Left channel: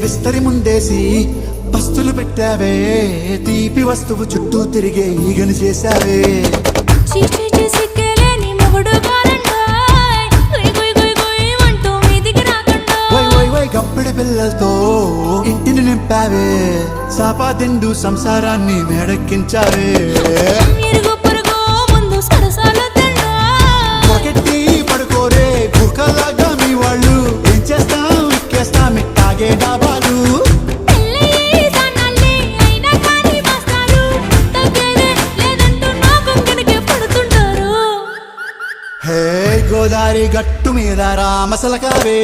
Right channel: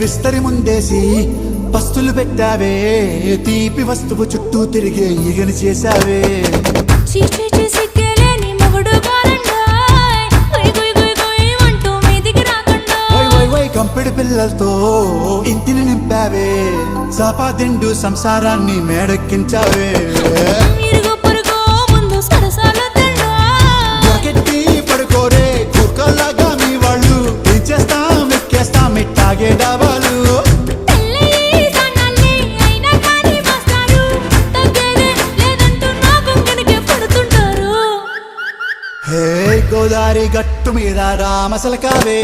విస్తరి ముందేసి పస్తులు పెట్టావే తీపి వస్తువు చుట్టూ తిరిగే ఈగలు చేశావే చీచీ చేసి కేలేని మొగుడు గారండాయ్ గుయ్ గుయ్ గుయ్ గుయ్ అంటూ మీదికి రాకండా కంపెడి పిల్లలతో ఇంటిని నింపావే సాపాదిండు సంసారాన్ని మేడెక్కించావే ఇరుగు పొరుగు ముందు సరసాలు తిండా నాకెట్టి పడుకోరే కుక్కలాగా మీ వాళ్ళు ఏం చేస్తాం ఎక్కేస్తాం ఇట్టాగే డాబాలు పెళ్ళయి సన్నాల్ని అయినా కానీ మాస్తారు తగ్గేదే లేదంటూ నా కొంగనికే పడుతుంటారు హే గోదారి గట్టు మీద రామసలకావే